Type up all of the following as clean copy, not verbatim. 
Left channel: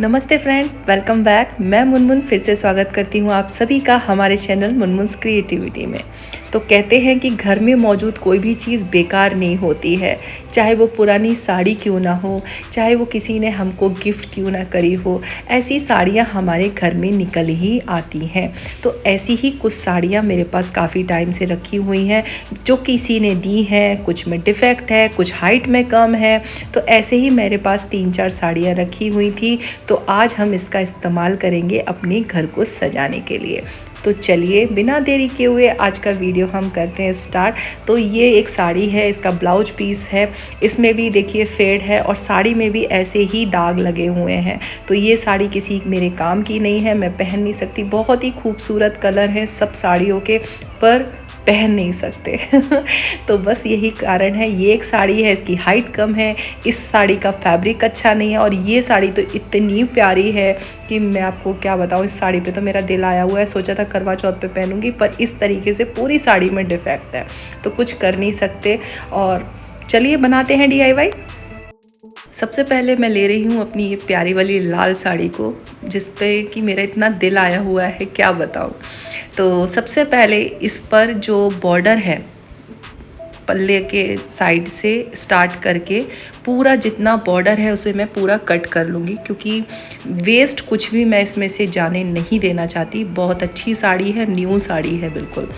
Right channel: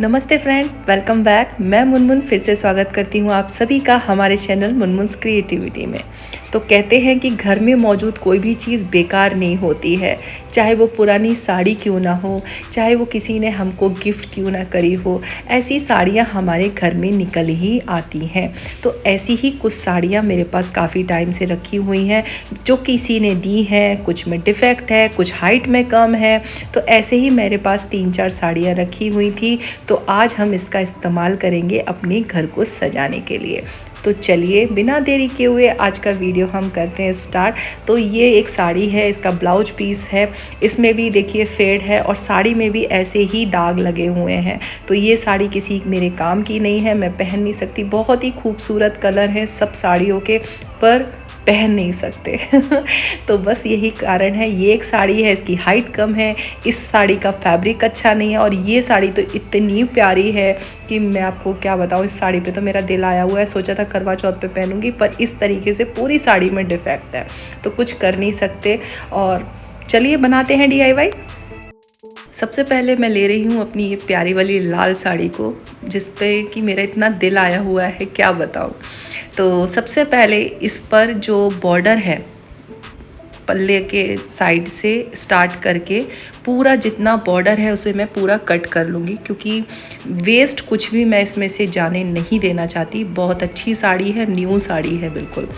नमस्ते friends, welcome back. मैं मुनमुन फिर से स्वागत करती हूँ आप सभी का हमारे चैनल मुनमुन्स क्रिएटिविटी में। तो कहते हैं कि घर में मौजूद कोई भी चीज़ बेकार नहीं होती है, चाहे वो पुरानी साड़ी क्यों ना हो, चाहे वो किसी ने हमको गिफ्ट क्यों ना करी हो, ऐसी साड़ियाँ हमारे घर में निकल ही आती हैं। तो ऐसी ही कुछ साड़ियाँ मेरे पास काफ़ी टाइम से रखी हुई हैं, जो किसी ने दी हैं, कुछ में डिफ़ेक्ट है, कुछ हाइट में कम है। तो ऐसे ही मेरे पास 3-4 साड़ियाँ रखी हुई थी, तो आज हम इसका इस्तेमाल करेंगे अपने घर को सजाने के लिए। तो चलिए बिना देरी किए हुए आज का वीडियो हम करते हैं स्टार्ट। तो ये एक साड़ी है, इसका ब्लाउज पीस है, इसमें भी देखिए फेड है और साड़ी में भी ऐसे ही दाग लगे हुए हैं। तो ये साड़ी किसी मेरे काम की नहीं है, मैं पहन नहीं सकती। बहुत ही खूबसूरत कलर है सब साड़ियों के, पर पहन नहीं सकते तो बस यही कारण है। ये एक साड़ी है, इसकी हाइट कम है, इस साड़ी का फैब्रिक अच्छा नहीं है और ये साड़ी तो इतनी प्यारी है कि मैं आपको क्या बताऊँ। इस साड़ी पे तो मेरा दिल आया हुआ है, सोचा था करवा चौथ पे पहनूंगी, पर इस तरीके से पूरी साड़ी में डिफेक्ट है तो कुछ कर नहीं सकते। और चलिए बनाते हैं DIY। सबसे पहले मैं ले रही हूँ अपनी ये प्यारी वाली लाल साड़ी को, जिस पे कि मेरा इतना दिल आया हुआ है क्या बताऊँ। तो सबसे पहले इस पर जो बॉर्डर है, पल्ले के साइड से स्टार्ट करके पूरा जितना बॉर्डर है उसे मैं पूरा कट कर लूँगी, क्योंकि वेस्ट कुछ भी मैं इसमें से जाने नहीं देना चाहती। बहुत अच्छी साड़ी है, न्यू साड़ी है बिल्कुल।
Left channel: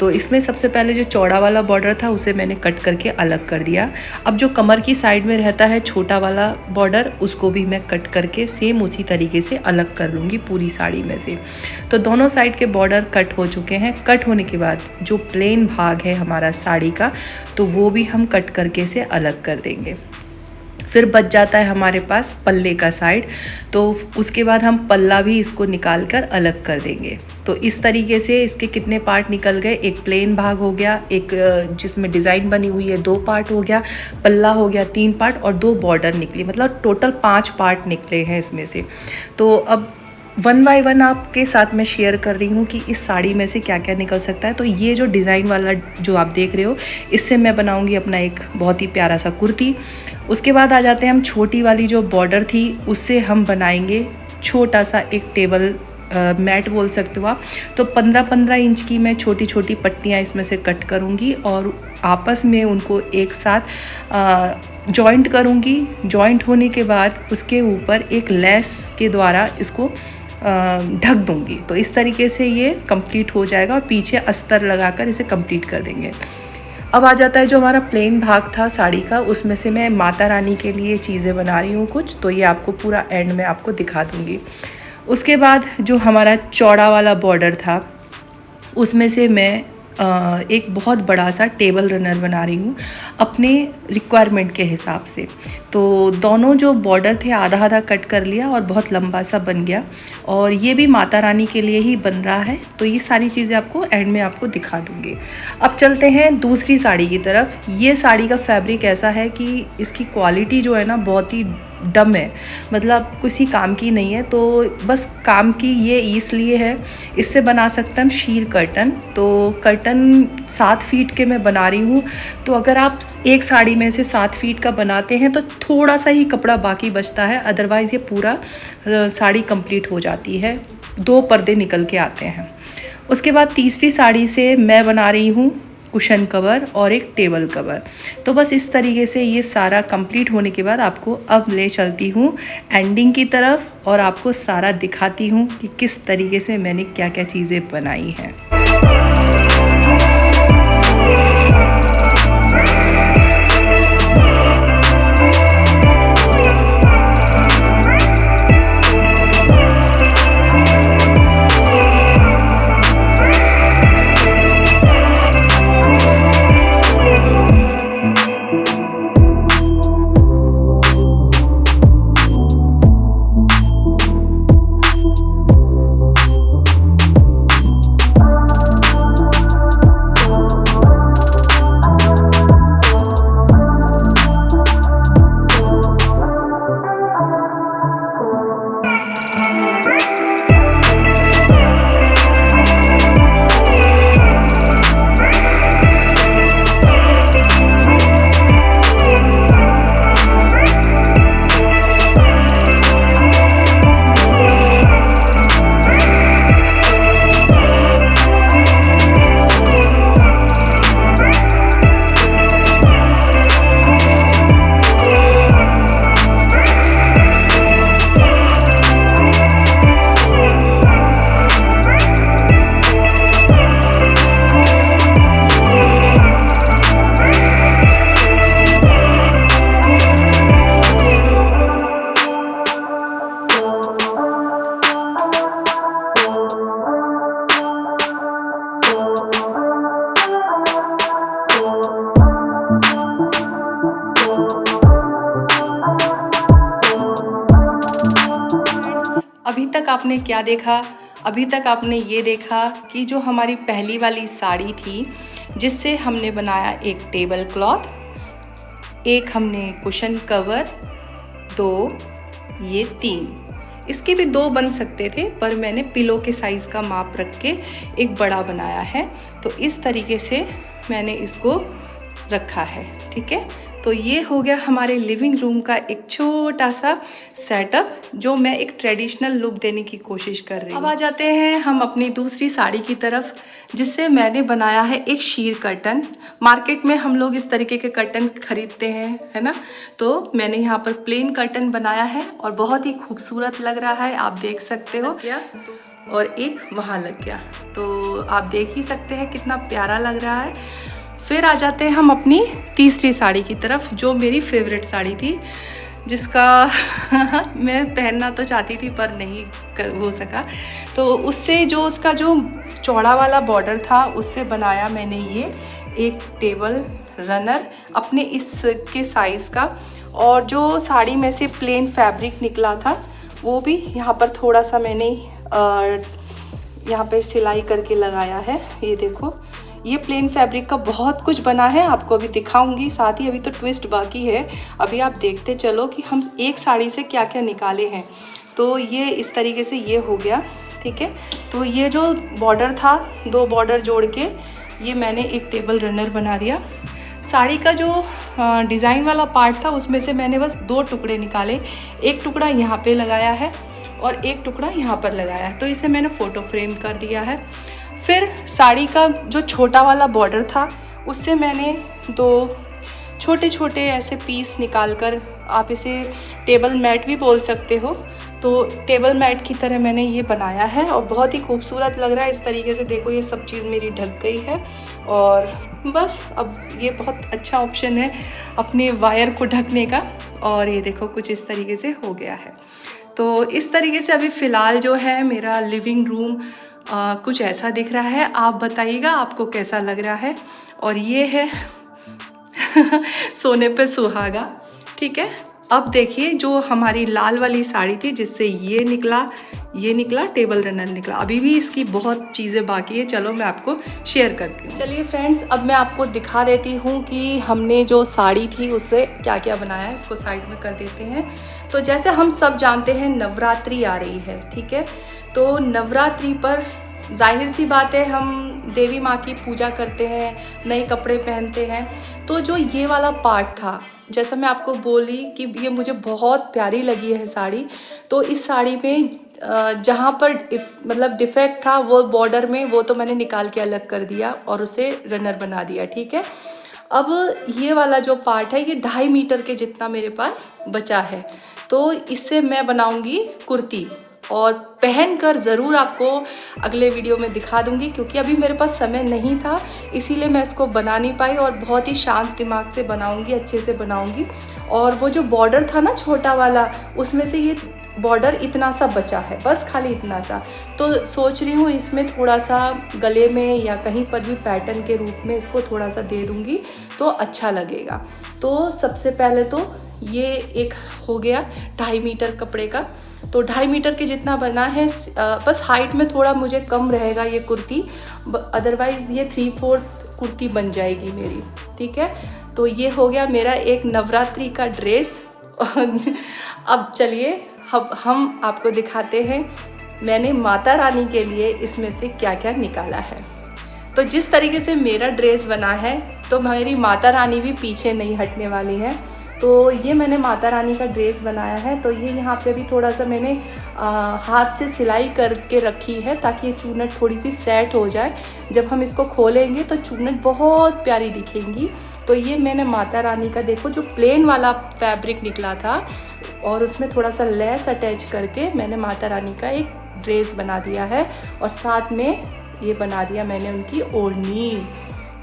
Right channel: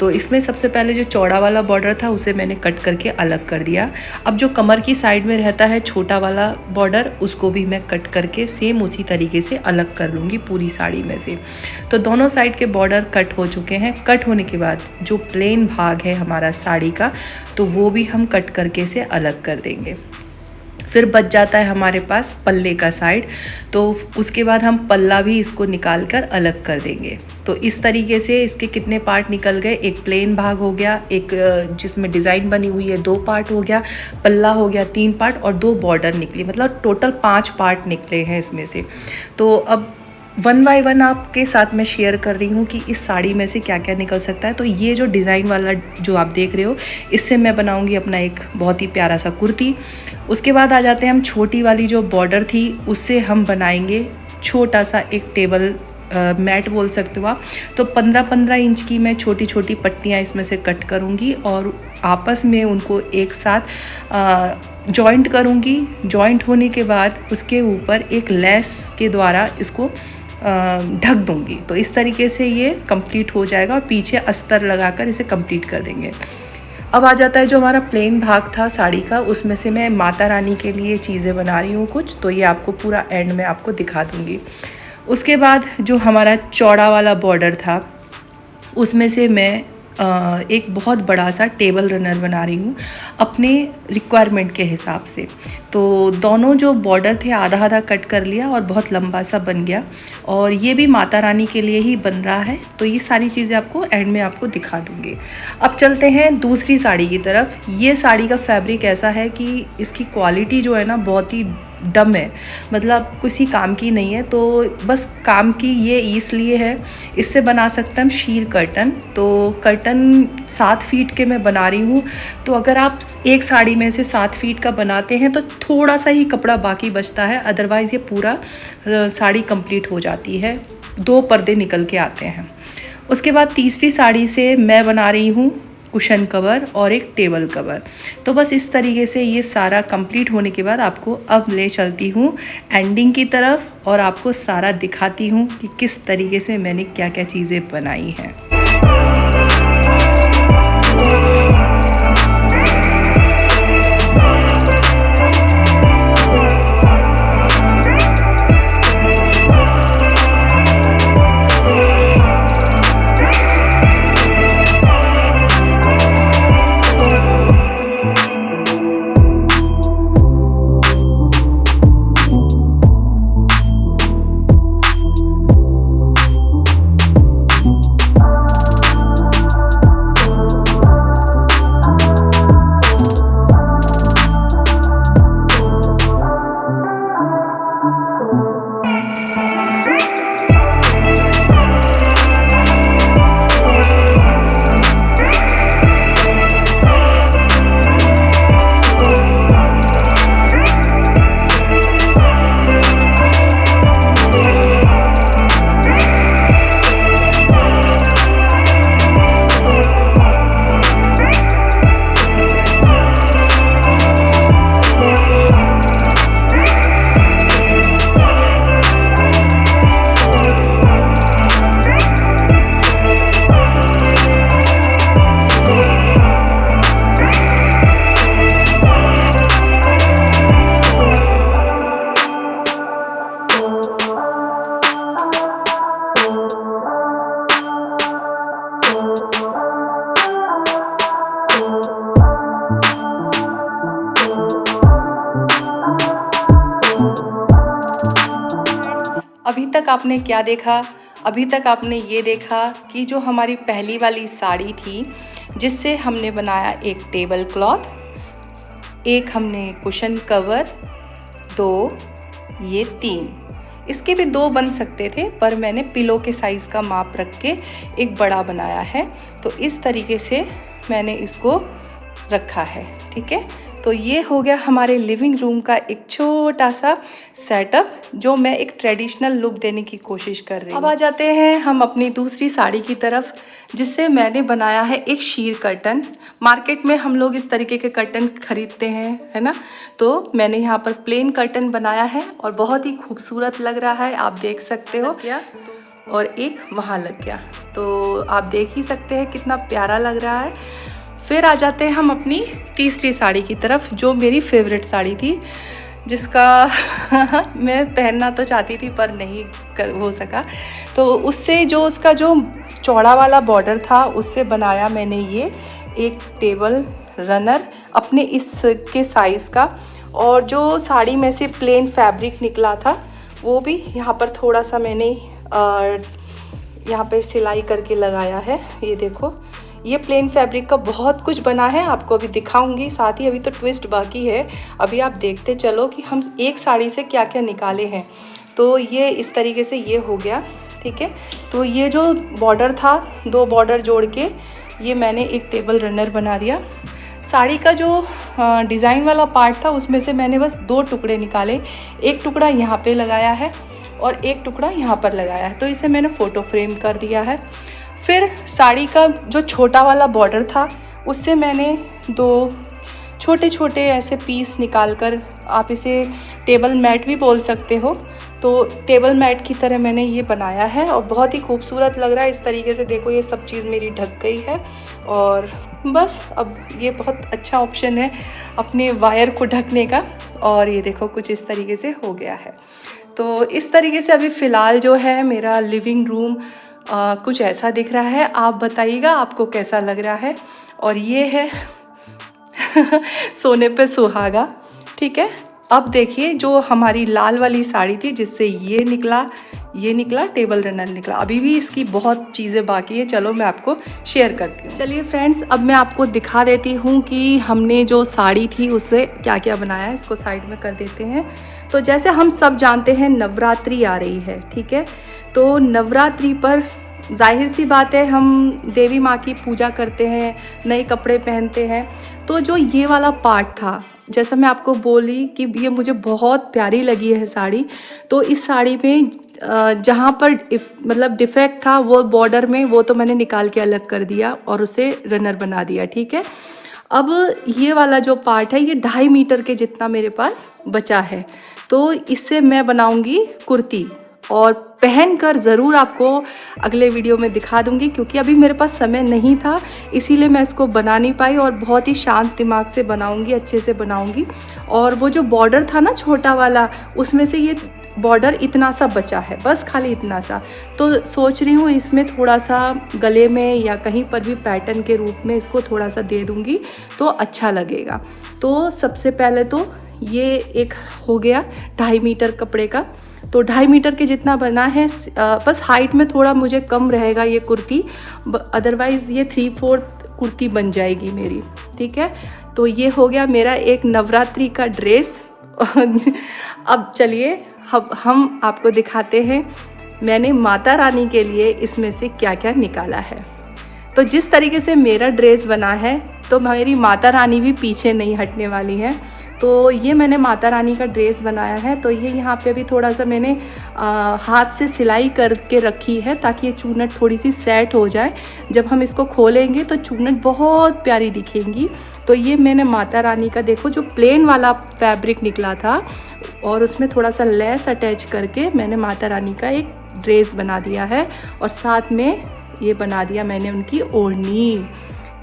तो इसमें सबसे पहले जो चौड़ा वाला बॉर्डर था उसे मैंने कट करके अलग कर दिया। अब जो कमर की साइड में रहता है छोटा वाला बॉर्डर, उसको भी मैं कट करके सेम उसी तरीके से अलग कर लूँगी पूरी साड़ी में से। तो दोनों साइड के बॉर्डर कट हो चुके हैं। कट होने के बाद जो प्लेन भाग है हमारा साड़ी का, तो वो भी हम कट करके से अलग कर देंगे। फिर बच जाता है हमारे पास पल्ले का साइड, तो उसके बाद हम पल्ला भी इसको निकाल कर अलग कर देंगे। तो इस तरीके से इसके कितने पार्ट निकल गए, एक प्लेन भाग हो गया, एक जिसमें डिज़ाइन बनी हुई है 2 पार्ट हो गया, पल्ला हो गया 3 पार्ट और 2 बॉर्डर निकली, मतलब टोटल 5 पार्ट निकले हैं इसमें से। तो अब 1 बाय 1 आपके साथ मैं शेयर कर रही हूँ कि इस साड़ी में से क्या क्या निकल सकता है। तो ये जो डिज़ाइन वाला जो आप देख रहे हो, इससे मैं बनाऊँगी अपना एक बहुत ही प्यारा सा कुर्ती। उसके बाद आ जाते हैं हम छोटी वाली जो बॉर्डर थी, उससे हम बनाएंगे छोटा सा एक टेबल मैट बोल सकते हो आप। तो 15-15 इंच की मैं छोटी छोटी पट्टियाँ इसमें से कट करूँगी और आपस में उनको एक साथ जॉइंट करूँगी। जॉइंट होने के बाद उसके ऊपर एक लेस के द्वारा इसको ढक दूँगी। तो इस तरीके से ये कंप्लीट हो जाएगा और पीछे अस्तर लगाकर इसे कंप्लीट कर देंगे। अब आ जाता है जो हमारा प्लेन भाग था साड़ी का, उसमें से मैं माता रानी के लिए चीज़ें बना रही हूँ कुछ, तो ये आपको पूरा एंड में आपको दिखा दूँगी। उसके बाद जो हमारा चौड़ा वाला बॉर्डर था, उसमें से मैं एक बहुत बड़ा सा टेबल रनर बना रही हूँ अपने रिक्वायरमेंट के हिसाब से। तो दोनों जो बॉर्डर थे आधा आधा कट कर लिया और बहुत लंबा सा बन गया, और ये भी माता रानी के लिए ही बन रहा है। तो ये सारी चीज़ें आपको एंड में आपको दिखा दूँगी। अब चलते हैं दूसरी साड़ी की तरफ। ये साड़ी का फैब्रिक ऐसा है कि इसकी क्वालिटी जो है ना बहुत ही डम है, मतलब किसी काम की नहीं है। तो बस काम की ये इसलिए है, इससे बना सकते हैं हम शीर कर्टन। तो कर्टन 7 फीट के मैं बना रही हूँ। तो अगर आप एक साड़ी में से 7 फीट का बनाते हैं तो थोड़ा सा ही कपड़ा बाकी बचता है, अदरवाइज़ ये पूरा साड़ी कंप्लीट हो जाती है। 2 पर्दे निकल के आते हैं। उसके बाद तीसरी साड़ी से मैं बना रही हूँ कुशन कवर और एक टेबल कवर। तो बस इस तरीके से ये सारा कंप्लीट होने के बाद आपको अब ले चलती हूँ एंडिंग की तरफ और आपको सारा दिखाती हूँ कि किस तरीके से मैंने क्या क्या चीज़ें बनाई हैं। अभी तक आपने क्या देखा? अभी तक आपने ये देखा कि जो हमारी पहली वाली साड़ी थी, जिससे हमने बनाया एक टेबल क्लॉथ, एक हमने कुशन कवर, 2, ये 3। इसके भी 2 बन सकते थे, पर मैंने पिलो के साइज़ का माप रख के एक बड़ा बनाया है। तो इस तरीके से मैंने इसको रखा है, ठीक है। तो ये हो गया हमारे लिविंग रूम का एक छोटा सा सेटअप, जो मैं एक ट्रेडिशनल लुक देने की कोशिश कर रही हूँ। अब आ जाते हैं हम अपनी दूसरी साड़ी की तरफ, जिससे मैंने बनाया है एक शीर कर्टन। मार्केट में हम लोग इस तरीके के कर्टन खरीदते हैं, है ना। तो मैंने यहाँ पर प्लेन कर्टन बनाया है और बहुत ही खूबसूरत लग रहा है, आप देख सकते हो। और एक वहाँ लग गया, तो आप देख ही सकते हैं कितना प्यारा लग रहा है। फिर आ जाते हैं हम अपनी तीसरी साड़ी की तरफ, जो मेरी फेवरेट साड़ी थी, जिसका मैं पहनना तो चाहती थी पर नहीं हो सका। तो उससे जो उसका जो चौड़ा वाला बॉर्डर था, उससे बनाया मैंने ये एक टेबल रनर अपने इसके साइज़ का। और जो साड़ी में से प्लेन फैब्रिक निकला था, वो भी यहाँ पर थोड़ा सा मैंने यहाँ पे सिलाई करके लगाया है। ये देखो, ये प्लेन फैब्रिक का बहुत कुछ बना है, आपको अभी दिखाऊंगी। साथ ही अभी तो ट्विस्ट बाकी है, अभी आप देखते चलो कि हम एक साड़ी से क्या क्या निकाले हैं। तो ये इस तरीके से ये हो गया, ठीक है। तो ये जो बॉर्डर था, 2 बॉर्डर जोड़ के ये मैंने एक टेबल रनर बना दिया। साड़ी का जो डिज़ाइन वाला पार्ट था, उसमें से मैंने बस 2 टुकड़े निकाले। एक टुकड़ा यहाँ पे लगाया है और एक टुकड़ा यहाँ पर लगाया है, तो इसे मैंने फ़ोटो फ्रेम कर दिया है। फिर साड़ी का जो छोटा वाला बॉर्डर था, उससे मैंने 2 छोटे छोटे ऐसे पीस निकालकर, आप इसे टेबल मैट भी बोल सकते हो, तो टेबल मैट की तरह मैंने ये बनाया है और बहुत ही खूबसूरत लग रहा है। इस तरीके से देखो, ये सब चीज़ मेरी ढक गई है और बस अब ये बहुत अच्छा ऑप्शन है अपने वायर को ढकने का। और ये देखो कुछ इस तरीके से हो गया है। तो इस तरीके से अभी फ़िलहाल जो है मेरा लिविंग रूम कुछ ऐसा दिख रहा है। आप बताइएगा आपको कैसा लग रहा है। और ये है सोने पे सुहागा, ठीक है। अब देखिए, जो हमारी लाल वाली साड़ी थी, जिससे ये निकला टेबल रनर निकला। अभी भी इसकी बहुत चीज़ें बाकी है, चलो मैं आपको शेयर करती हूँ। चलिए फ्रेंड्स, अब मैं आपको दिखा देती हूँ कि हमने जो साड़ी थी उससे क्या क्या बनाया है। इसको साइड में कर देते हैं। तो जैसे हम सब जानते हैं, नवरात्रि आ रही है, ठीक है। तो नवरात्रि पर जाहिर सी बात है, हम देवी माँ की पूजा करते हैं, नए कपड़े पहनते हैं। तो जो ये वाला पार्ट था, जैसा मैं आपको बोली कि ये मुझे बहुत प्यारी लगी है साड़ी। तो इस साड़ी में जहाँ पर मतलब डिफेक्ट था वो बॉर्डर में, वो तो मैंने निकाल के अलग कर दिया और उसे रनर बना दिया, ठीक है। अब ये वाला जो पार्ट है, ये 2.5 मीटर के जितना मेरे पास बचा है। तो इससे मैं बनाऊंगी कुर्ती और पहनकर ज़रूर आपको अगले वीडियो में दिखा दूंगी, क्योंकि अभी मेरे पास समय नहीं था, इसीलिए मैं इसको बना नहीं पाई। और बहुत ही शांत दिमाग से बनाऊंगी, अच्छे से बनाऊंगी। और वो जो बॉर्डर था ना छोटा वाला, उसमें से ये बॉर्डर इतना सा बचा है, बस खाली इतना सा। तो सोच रही हूँ इसमें थोड़ा सा गले में या कहीं पर भी पैटर्न के रूप में इसको थोड़ा सा दे दूँगी, तो अच्छा लगेगा। तो सबसे पहले तो ये एक हो गया 2.5 मीटर कपड़े का। तो 2.5 मीटर के जितना बना है, बस हाइट में थोड़ा मुझे कम रहेगा ये कुर्ती, अदरवाइज़ ये 3/4 कुर्ती बन जाएगी मेरी, ठीक है। तो ये हो गया मेरा एक नवरात्रि का ड्रेस। अब चलिए हम आपको दिखाते हैं मैंने माता रानी के लिए इसमें से क्या क्या निकाला है। तो जिस तरीके से मेरा ड्रेस बना है, तो मेरी माता रानी भी पीछे नहीं हटने वाली है। तो ये मैंने माता रानी का ड्रेस बनाया है। तो ये यहाँ पे भी थोड़ा सा मैंने हाथ से सिलाई करके रखी है, ताकि ये चूनट थोड़ी सी सेट हो जाए। जब हम इसको खोलेंगे तो चूनट बहुत प्यारी दिखेंगी। तो ये मैंने माता रानी का, देखो जो प्लेन वाला फैब्रिक निकला था और उसमें थोड़ा सा लेस अटैच करके मैंने माता रानी का एक ड्रेस बना दिया है। और साथ में ये बना दिया मैंने उनकी ओढ़नी।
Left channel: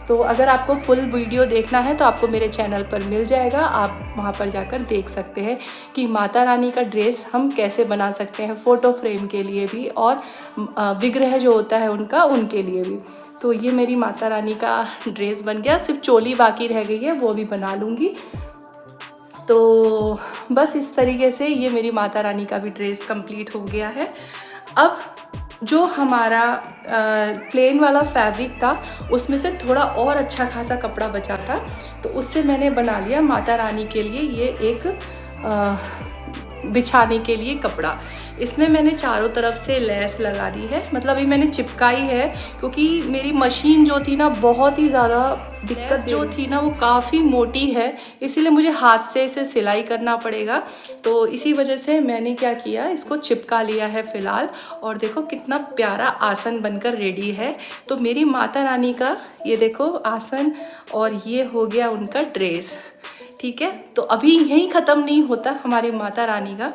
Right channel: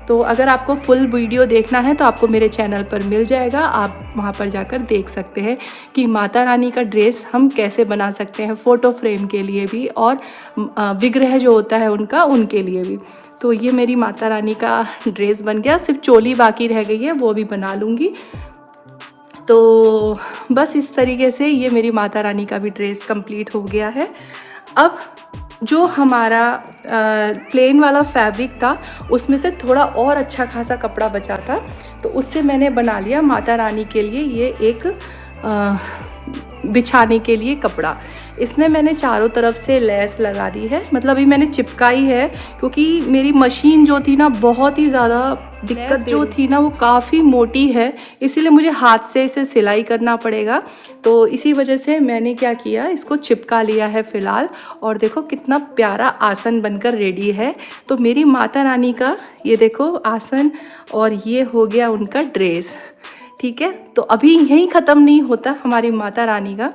तो अगर आपको फुल वीडियो देखना है तो आपको मेरे चैनल पर मिल जाएगा, आप वहाँ पर जाकर देख सकते हैं कि माता रानी का ड्रेस हम कैसे बना सकते हैं, फ़ोटो फ्रेम के लिए भी और विग्रह जो होता है उनका, उनके लिए भी। तो ये मेरी माता रानी का ड्रेस बन गया, सिर्फ चोली बाकी रह गई है, वो भी बना लूँगी। तो बस इस तरीके से ये मेरी माता रानी का भी ड्रेस कंप्लीट हो गया है। अब जो हमारा प्लेन वाला फैब्रिक था उसमें से थोड़ा और अच्छा खासा कपड़ा बचा था, तो उससे मैंने बना लिया माता रानी के लिए ये एक बिछाने के लिए कपड़ा। इसमें मैंने चारों तरफ से लेस लगा दी है, मतलब अभी मैंने चिपकाई है क्योंकि मेरी मशीन जो थी ना बहुत ही ज़्यादा दिक्कत जो थी ना वो काफ़ी मोटी है, इसीलिए मुझे हाथ से इसे सिलाई करना पड़ेगा। तो इसी वजह से मैंने क्या किया, इसको चिपका लिया है फ़िलहाल। और देखो कितना प्यारा आसन बनकर रेडी है। तो मेरी माता रानी का ये देखो आसन, और ये हो गया उनका ड्रेस। ठीक है, तो अभी यहीं ख़त्म नहीं होता हमारी माता रानी का।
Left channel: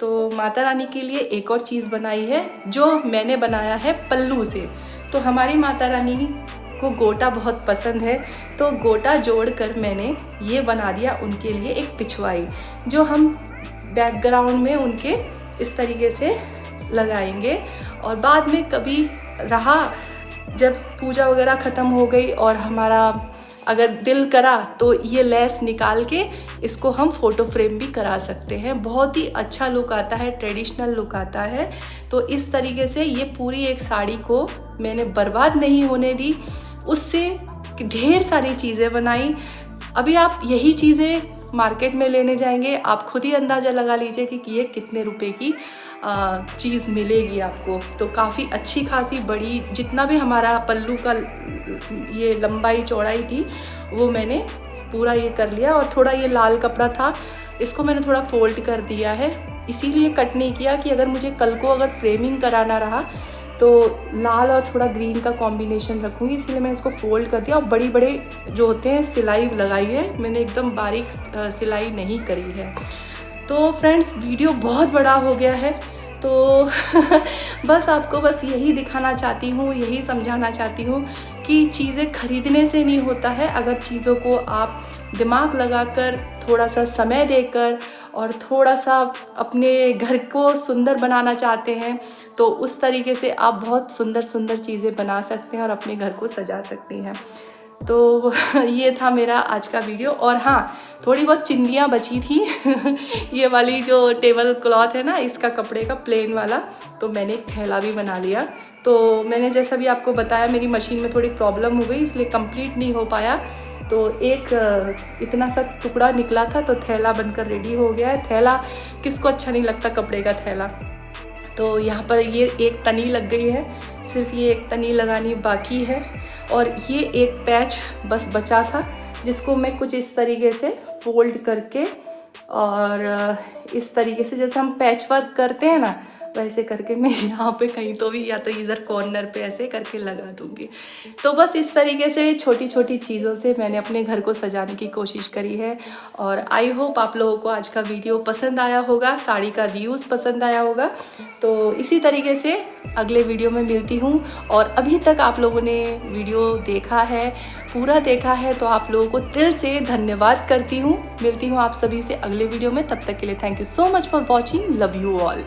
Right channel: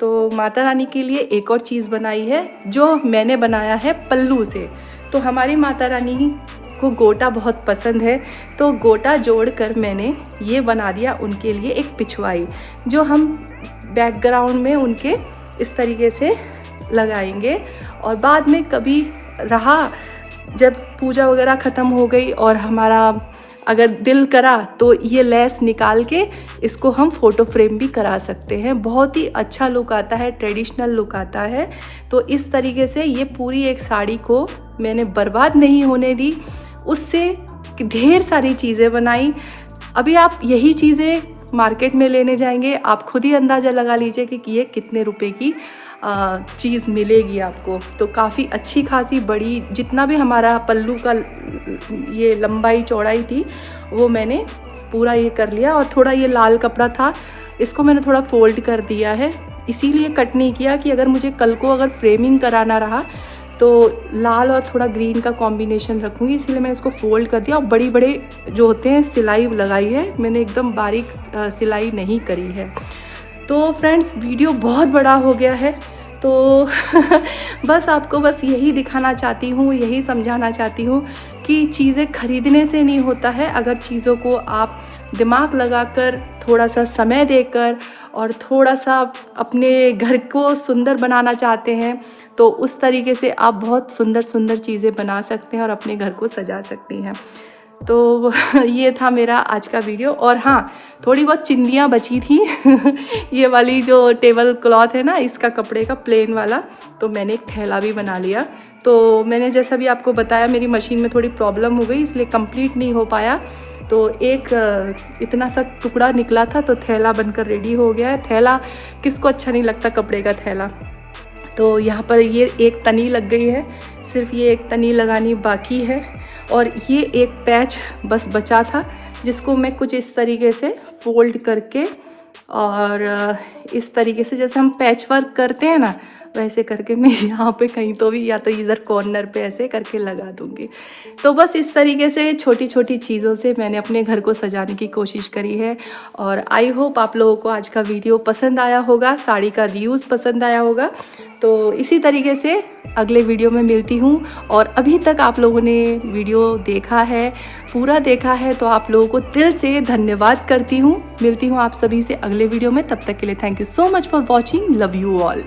तो माता रानी के लिए एक और चीज़ बनाई है जो मैंने बनाया है पल्लू से। तो हमारी माता रानी को गोटा बहुत पसंद है, तो गोटा जोड़कर मैंने ये बना दिया उनके लिए एक पिछवाई, जो हम बैकग्राउंड में उनके इस तरीके से लगाएंगे। और बाद में कभी रहा, जब पूजा वगैरह ख़त्म हो गई और हमारा अगर दिल करा तो ये लेस निकाल के इसको हम फ़ोटो फ्रेम भी करा सकते हैं। बहुत ही अच्छा लुक आता है, ट्रेडिशनल लुक आता है। तो इस तरीके से ये पूरी एक साड़ी को मैंने बर्बाद नहीं होने दी, उससे ढेर सारी चीज़ें बनाई। अभी आप यही चीज़ें मार्केट में लेने जाएंगे, आप खुद ही अंदाज़ा लगा लीजिए कि ये कितने रुपए की चीज़ मिलेगी आपको। तो काफ़ी अच्छी खासी बड़ी, जितना भी हमारा पल्लू का ये लंबाई चौड़ाई थी वो मैंने पूरा ये कर लिया। और थोड़ा ये लाल कपड़ा था, इसको मैंने थोड़ा फोल्ड कर दिया है, इसीलिए कट नहीं किया कि अगर मुझे कल को अगर फ्रेमिंग कराना रहा तो लाल और थोड़ा ग्रीन का कॉम्बिनेशन रखूँगी, इसलिए मैंने इसको फोल्ड कर दिया। और बड़ी बड़ी जो होते हैं सिलाई लगाई है मैंने, एकदम बारीक सिलाई नहीं करी है। तो फ्रेंड्स वीडियो बहुत बड़ा हो गया है, तो बस आपको बस यही दिखाना चाहती हूँ, यही समझाना चाहती हूँ कि चीज़ें खरीदने से नहीं होता है। अगर चीज़ों को आप दिमाग लगाकर, थोड़ा सा समय देकर और थोड़ा सा अपने घर को सुंदर बनाना चाहते हैं तो उस तरीके से आप बहुत सुंदर सुंदर चीज़ें बना सकते हैं और अपने घर को सजा सकती हैं। तो ये था मेरा आज का वीडियो। और हाँ, थोड़ी बहुत चिंदियाँ बची थी ये वाली जो टेबल क्लॉथ है ना, इसका कपड़े का प्लेन वाला, तो मैंने एक थैला भी बना लिया। तो मैंने जैसा भी आपको बताया मेरी मशीन में थोड़ी प्रॉब्लम हो गई, इसलिए कंप्लीट नहीं हो पाया। तो एक इतना सा टुकड़ा निकला था, तो थैला बनकर रेडी हो गया है। थैला किसको अच्छा नहीं लगता, कपड़े का थैला। तो यहाँ पर ये एक तनी लग गई है, सिर्फ ये एक तनी लगानी बाकी है। और ये एक पैच बस बचा था, जिसको मैं कुछ इस तरीके से फोल्ड करके और इस तरीके से जैसे हम पैच वर्क करते हैं ना, वैसे करके मैं यहाँ पे कहीं तो भी या तो इधर कॉर्नर पे ऐसे करके लगा दूँगी। तो बस इस तरीके से छोटी छोटी चीज़ों से मैंने अपने घर को सजाने की कोशिश करी है। और आई होप आप लोगों को आज का वीडियो पसंद आया होगा, साड़ी का रियूज़ पसंद आया होगा। तो इसी तरीके से अगले वीडियो में मिलती हूँ। और अभी तक आप लोगों ने वीडियो देखा है, पूरा देखा है, तो आप लोगों को दिल से धन्यवाद करती हूँ। मिलती हूँ आप सभी से अगले वीडियो में, तब तक के लिए thank you so much for watching, love you all.